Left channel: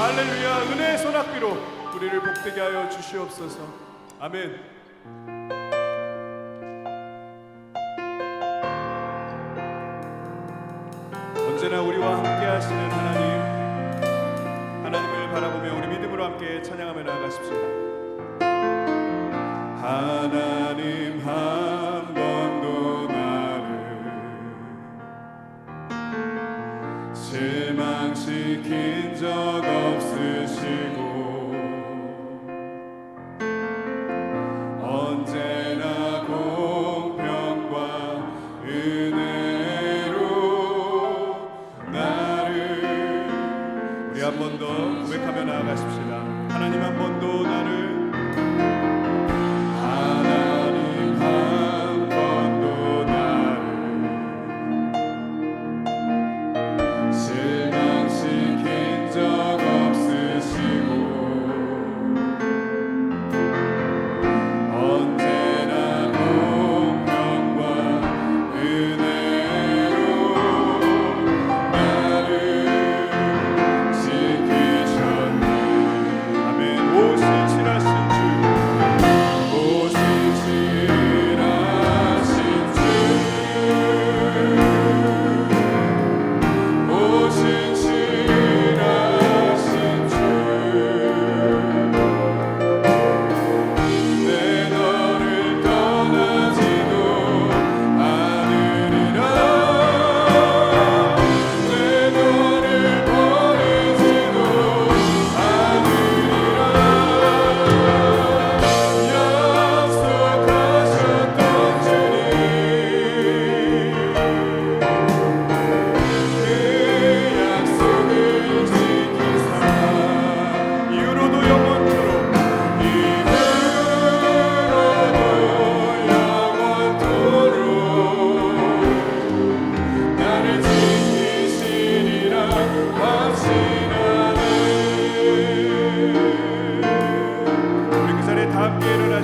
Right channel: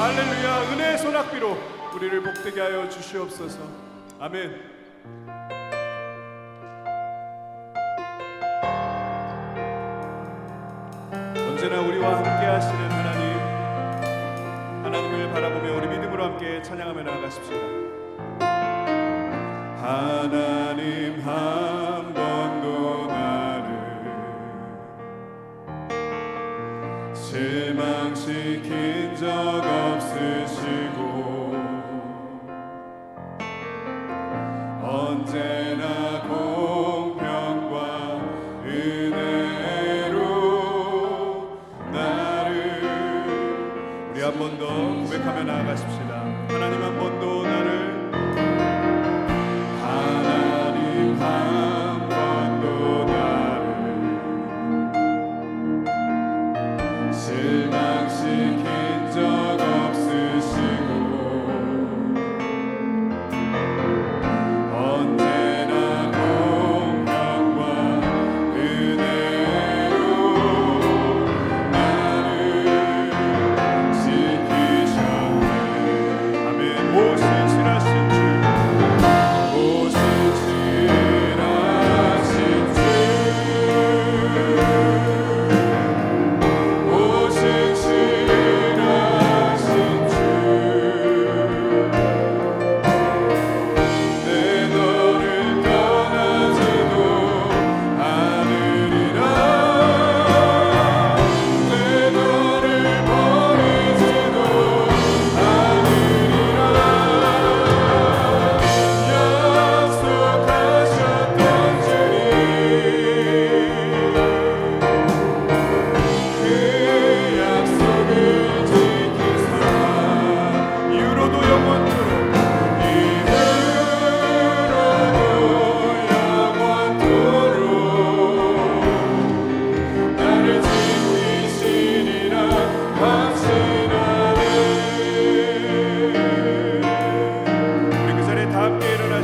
할렐루야 은혜의 소낙비로 우리를 복되게 하여 주시옵소서. 아멘. 언제나 우리와 함께 하시는 하나님 하나님을 바라보며 우리 믿음으로 함께 찬양하며 나아가십시다 하나님 한번 지킨 적 없으시고 언제나 공평과 은혜로 나를 우리 한 번 더 고백하며 나아가십시다. 하나님 한 번도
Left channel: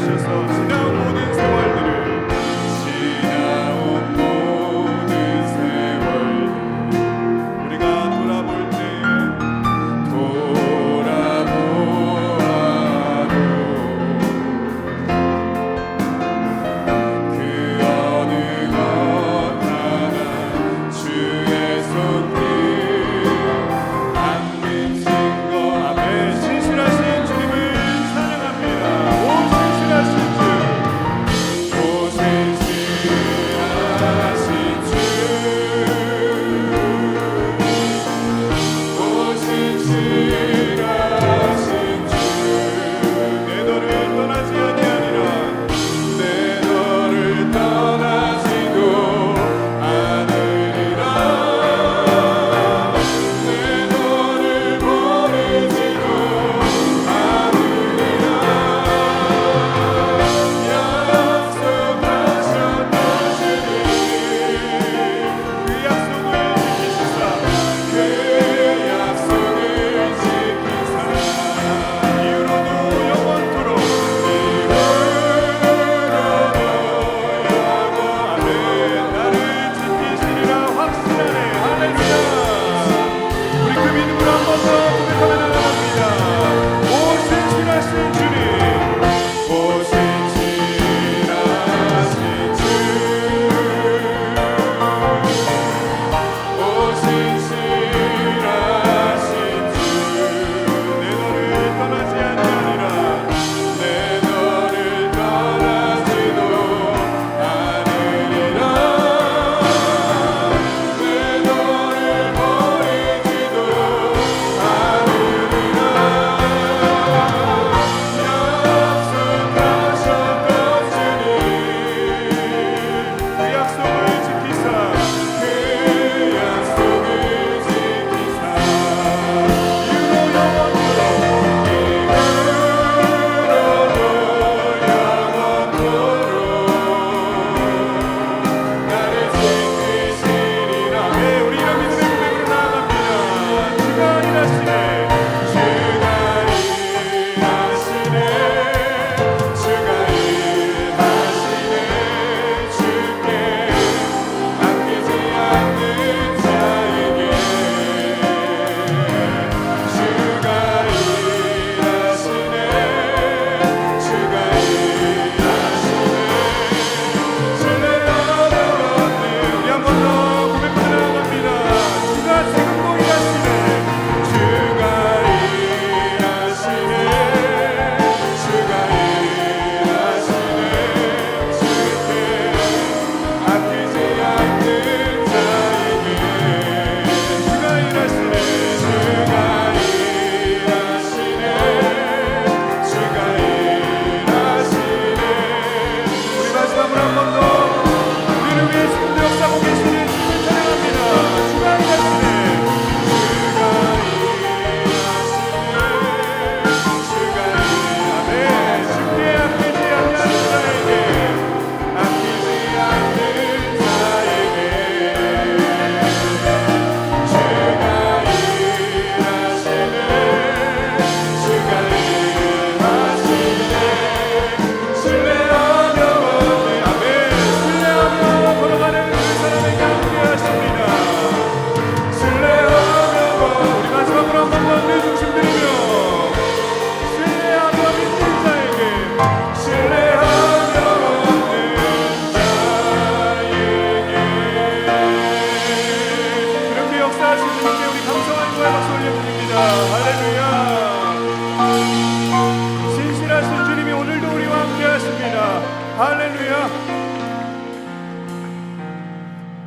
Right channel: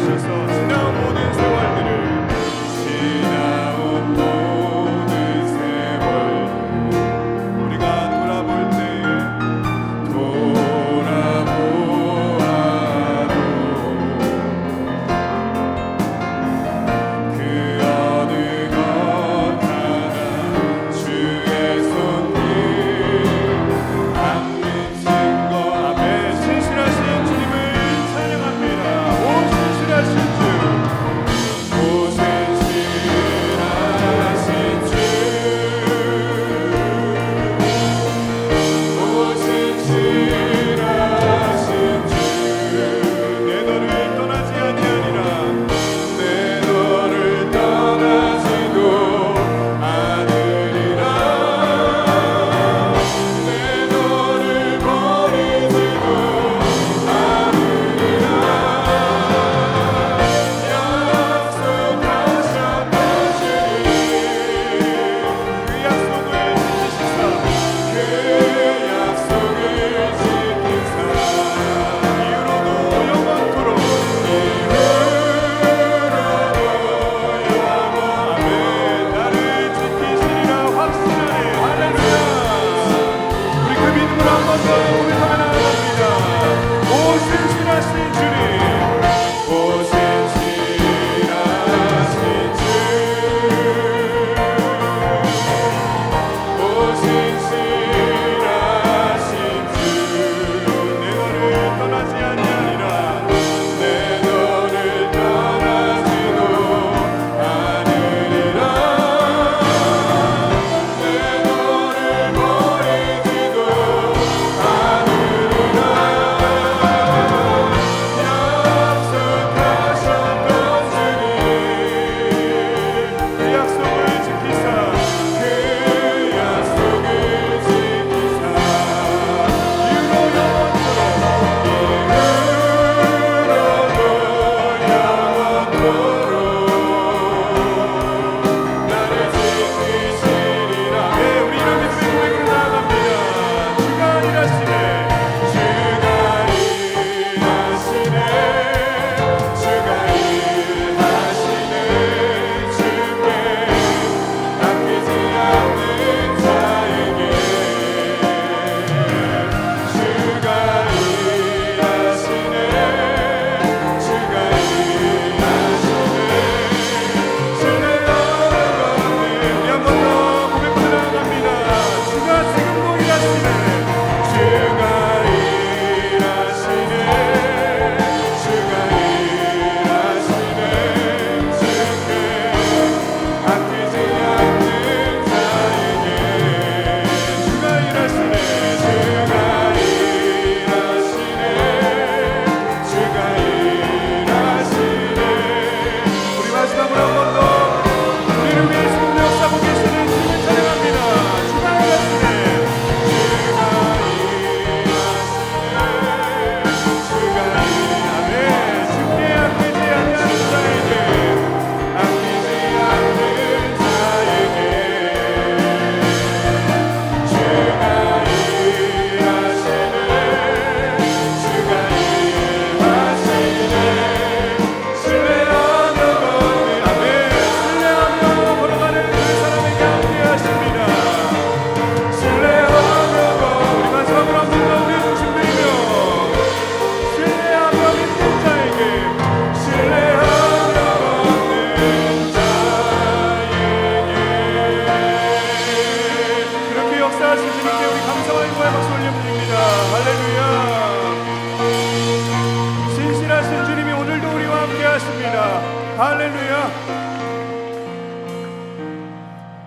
주셔서 지난 모든 하신 주님. 보세